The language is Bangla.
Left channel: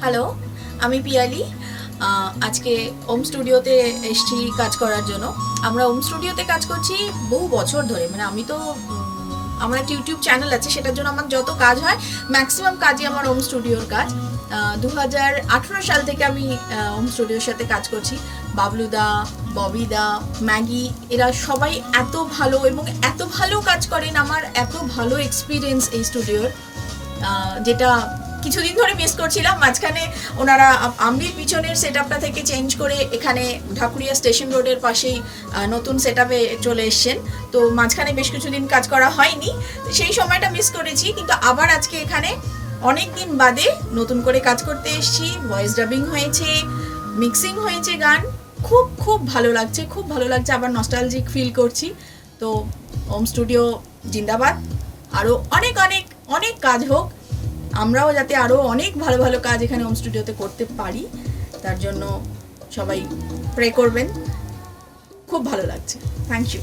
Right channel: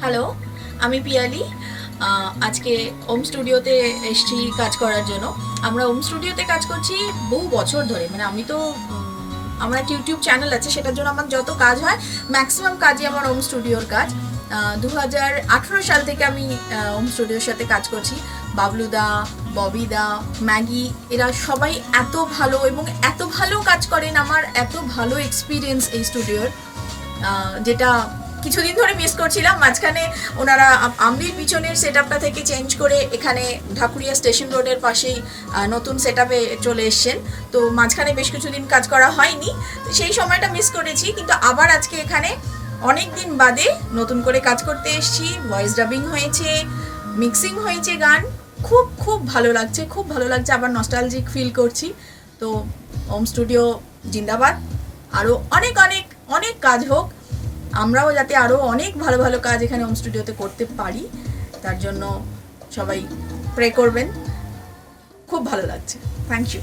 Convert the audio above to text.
হ্যালো, আমি পিয়ালি। আজকে ওম স্টুডিওতে এসেছি কাজ করার জন্য। আমরা ওম স্টুডিওতে কাজ করছি বহু বছর ধরে। মানে আমি তো আমার একটা ইউটিউব চ্যানেল আছে, সেটার জন্য আমার যত কাজ হয় ম্যাক্সিমাম কাজই আমার ওম স্টুডিওর কাজ। 2018 সাল থেকে আমি ওম স্টুডিওর সাথে কাজ করছি। বাবলুদা, ববিদা, ম্যাগি, এরা সবাই এত ভালো এবং এত ভালো কাজ করেন। আমার এত ভালো এক্সপিরিয়েন্স এই স্টুডিওর, যেটা কিছুদিন ধরে মিস করছিলাম। মাঝখানে ওনারা আমলির পিছনের সেট আপটা থেকে চেঞ্জ করে এখানে ঢাকুরিয়া স্টেশন রোডের পাশেই নতুন সেট আপে চলে এসছেন। তো মাঝখানে বেশ কিছুদিন কাজ করা হয়নি, সেই সময়টা মিস করেছি। কিন্তু আবার আজকে এখানে অনেক দিন বাদে নতুন করে কাজ করতে এসেছি। ভয়েস ডাবিং হয়েছে, মিক্সিং হয়েছে গান। খুব খুব ভালো লাগছে, খুব ভালো লাগছে। আবার নস্টালজিক ফিল করছি। তো ওম স্টুডিও জিন্দাবাদ। আরও অনেক অনেক অনেক কাজ হোক, আমরাও যাতে আরও অনেক ভালো ভালো কাজ এখানে হোম স্টুডিওতে করতে পারি, তার জন্য সবাই প্রে করবেন। খুব ভালো লাগছে। Thank you.